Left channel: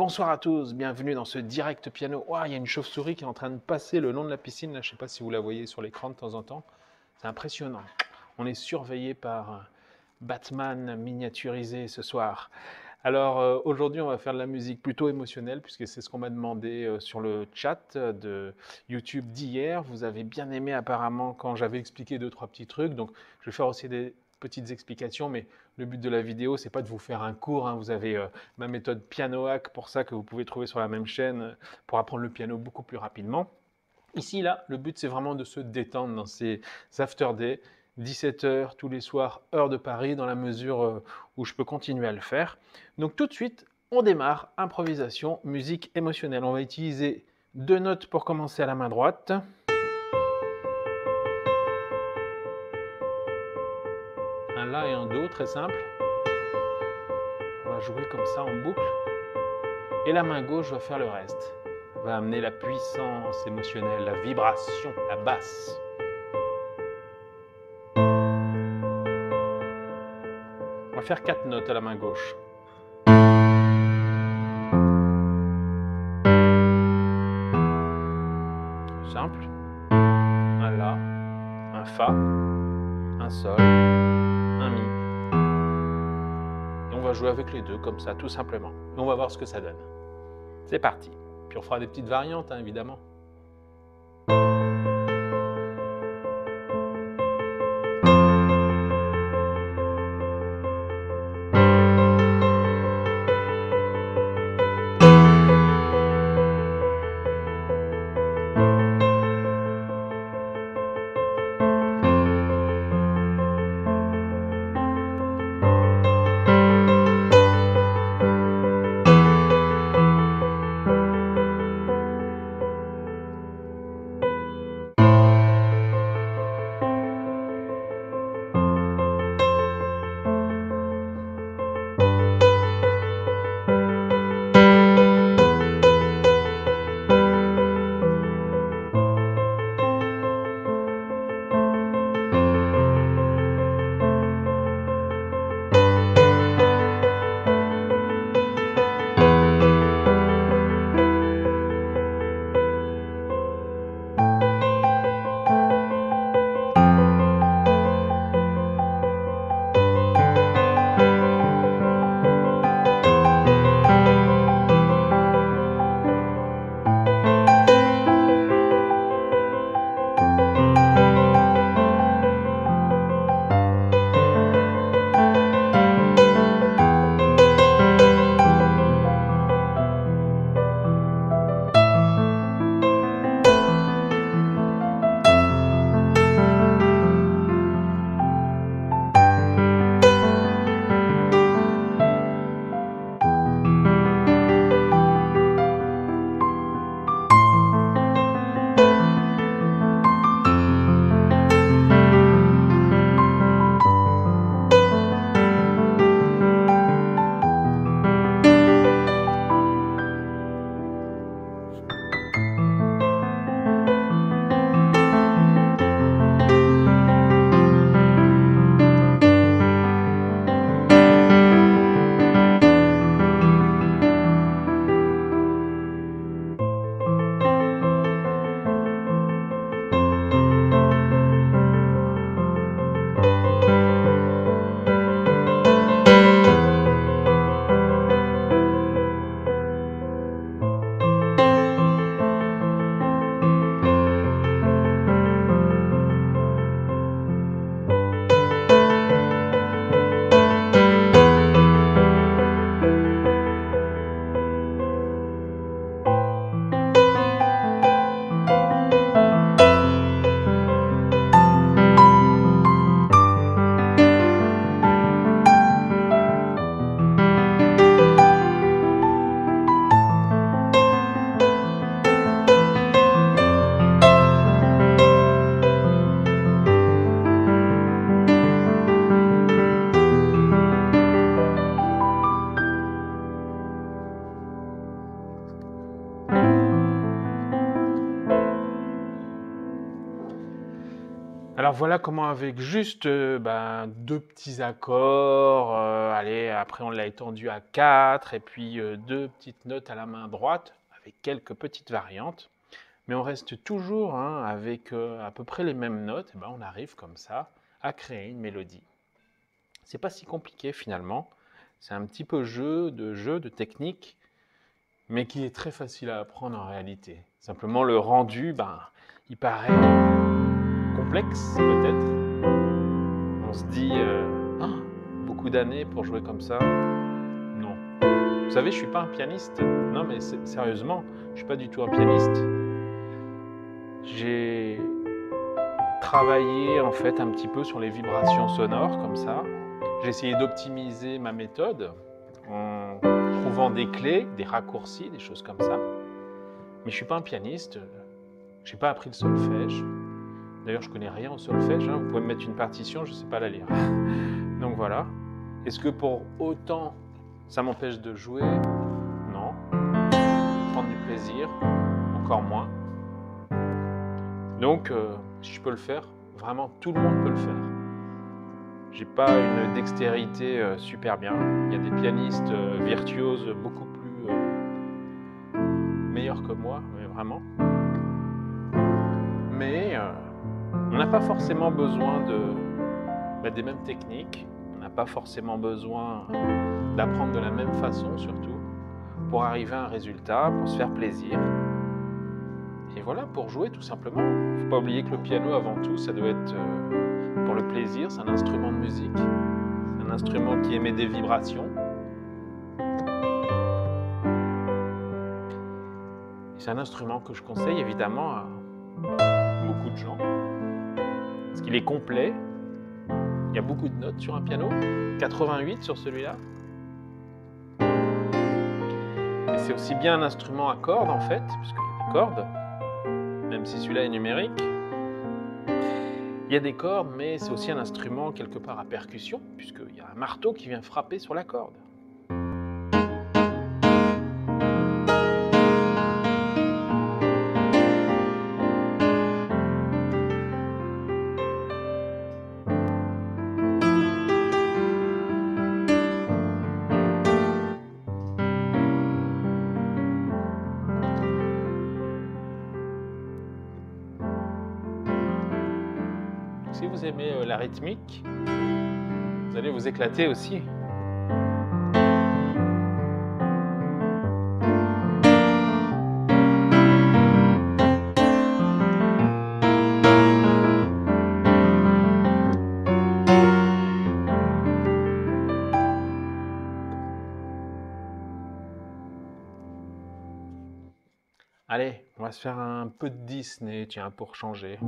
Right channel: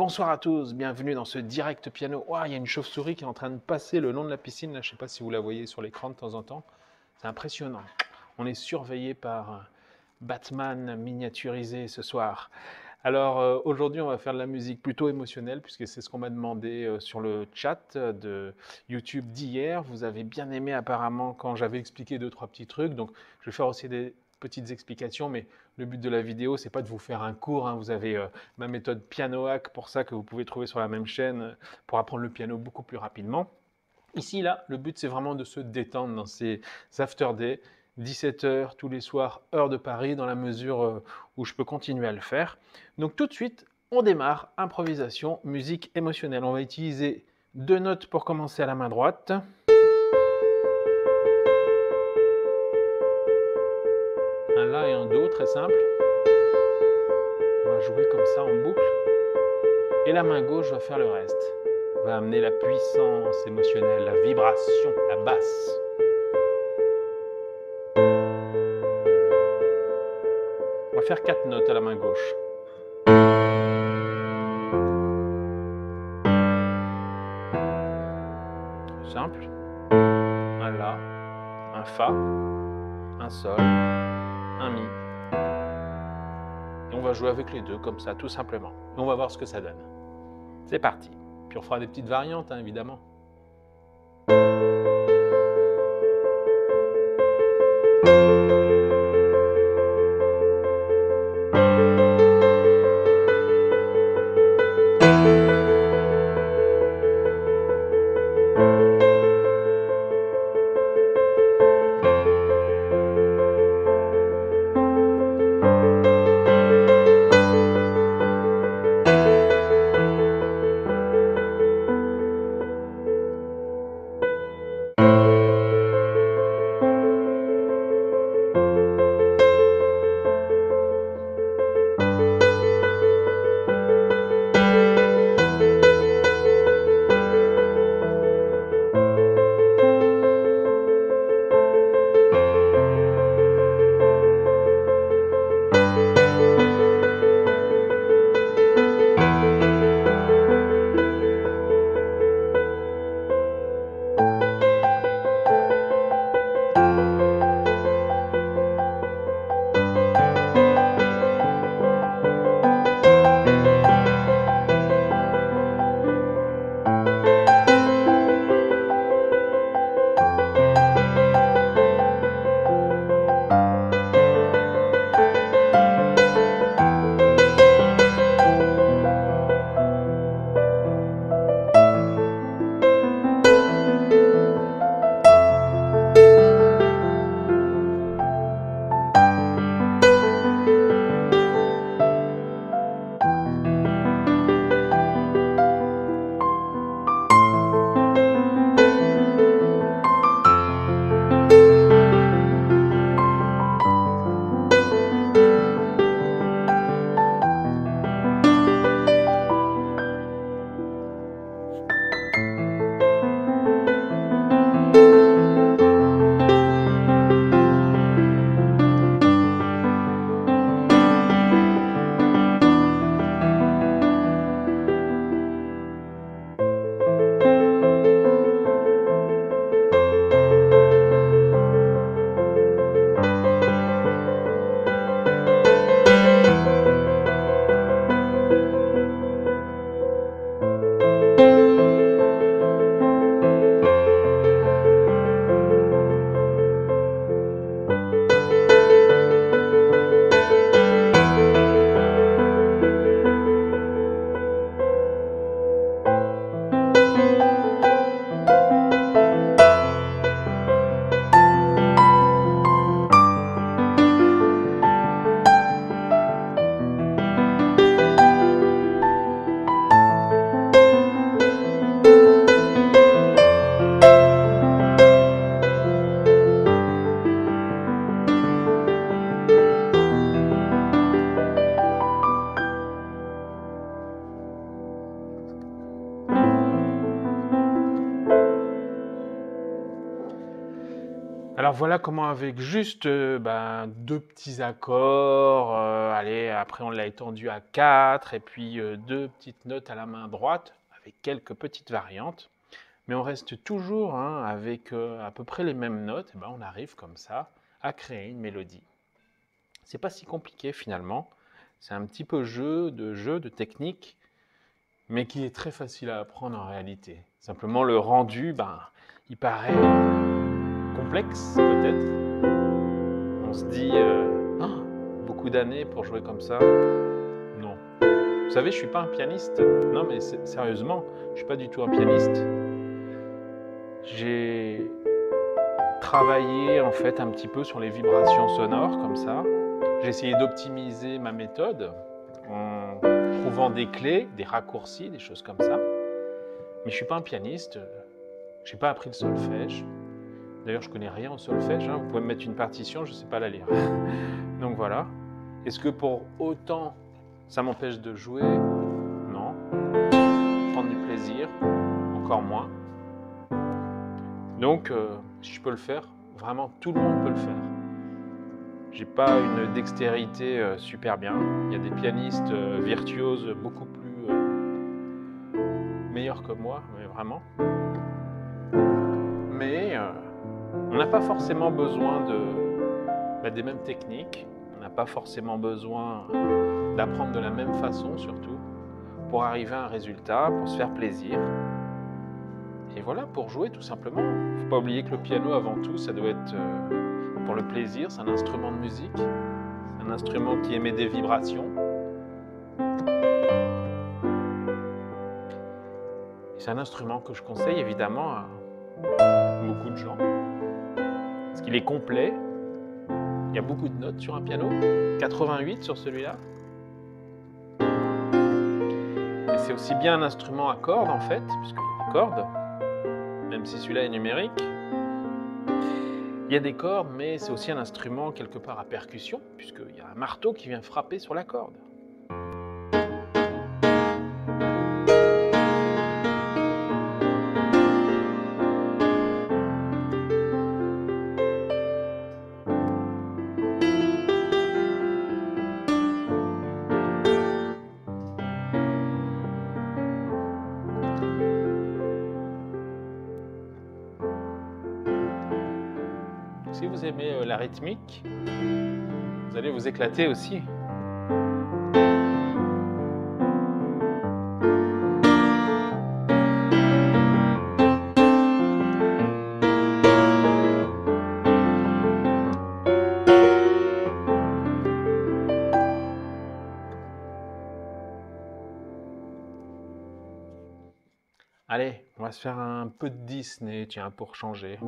Bonsoir à tous, bienvenue dans ce direct piano. Ouah, il y a une chauve-souris qui est en train de passer le long de la piscine, là, je ne sais pas si vous la voyez sur l'écran de temps en temps. C'est impressionnant. On est surveillé par Batman miniaturisé ce soir. Alors aujourd'hui, on va faire de la musique plutôt émotionnelle, puisque c'est ce qu'on m'a demandé sur le chat de YouTube d'hier. Vous avez bien aimé apparemment quand j'avais expliqué 2-3 petits trucs, donc je vais faire aussi des petites explications, mais le but de la vidéo, c'est pas de vous faire un cours, hein. Vous avez ma méthode Piano Hack pour ça que vous pouvez trouver sur la même chaîne pour apprendre le piano beaucoup plus rapidement. Ici, là, le but, c'est vraiment de se détendre dans ces after day, 17h tous les soirs, heure de Paris, dans la mesure où je peux continuer à le faire. Donc tout de suite, on démarre, improvisation, musique émotionnelle. On va utiliser 2 notes pour commencer à la main droite. Un La et un Do, très simple. On va jouer comme ça en boucle. Et la main gauche va faire le reste. Va amener la puissance émotionnelle, la vibration, la basse. On va faire 4 notes à la main gauche. Simple. Un La, un Fa, un Sol, un Mi. Et on va jouer avec les deux comme ça, tout simplement. Et on va voir ce que ça donne. C'est parti. Puis on fera des petites variantes, hein, évidemment. Alors voilà comment avec juste deux petits accords, allez, après on l'a étendu à 4, et puis deux petites notes à la main droite, avec quelques petites variantes. Mais on reste toujours hein, avec à peu près les mêmes notes, et ben on arrive comme ça à créer une mélodie. C'est pas si compliqué finalement, c'est un petit peu jeu, de technique, mais qui est très facile à apprendre en réalité. Simplement le rendu, il paraît complexe peut-être. On se dit Ah, beaucoup d'années pour jouer comme ça. Non. Vous savez, je suis pas un pianiste. Non, mais sérieusement, je suis pas du tout un pianiste. J'ai travaillé en fait un petit peu sur les vibrations sonores comme ça. J'ai essayé d'optimiser ma méthode en trouvant des clés, des raccourcis, des choses comme ça. Mais je suis pas un pianiste. J'ai pas appris le solfège. D'ailleurs, je connais rien au solfège. Hein. Vous pouvez me mettre une partition, je sais pas la lire. Donc voilà. Est-ce que pour autant, ça m'empêche de jouer? Non. Prendre du plaisir? Encore moins. Donc, si je peux le faire, vraiment tout le monde peut le faire. J'ai pas une dextérité super bien. Il y a des pianistes virtuoses beaucoup plus meilleurs que moi, mais vraiment. Mais on n'a pas forcément besoin des mêmes techniques. On n'a pas forcément besoin d'apprendre de la même façon, surtout, pour arriver à un résultat, pour se faire plaisir. Et voilà, pour jouer tout simplement. Il ne faut pas oublier que le piano, avant tout, ça doit être pour le plaisir. C'est un instrument de musique. C'est un instrument qui émet des vibrations. C'est un instrument que je conseille évidemment à beaucoup de gens. Parce qu'il est complet. Il y a beaucoup de notes sur un piano. 88 sur celui-là. Et c'est aussi bien un instrument à cordes en fait, puisqu'il y a des cordes. Même si celui-là est numérique. Il y a des cordes, mais c'est aussi un instrument quelque part à percussion, puisqu'il y a un marteau qui vient frapper sur la corde. Si vous aimez la rythmique, vous allez vous éclater aussi. Allez, on va se faire un peu de Disney, tiens, pour changer.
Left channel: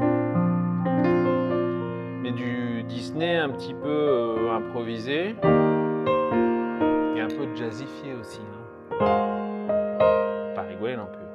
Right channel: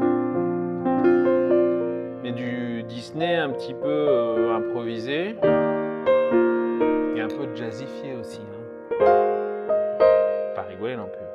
Mais du Disney un petit peu improvisé et un peu jazzifié aussi. Hein. Pas rigoler non plus.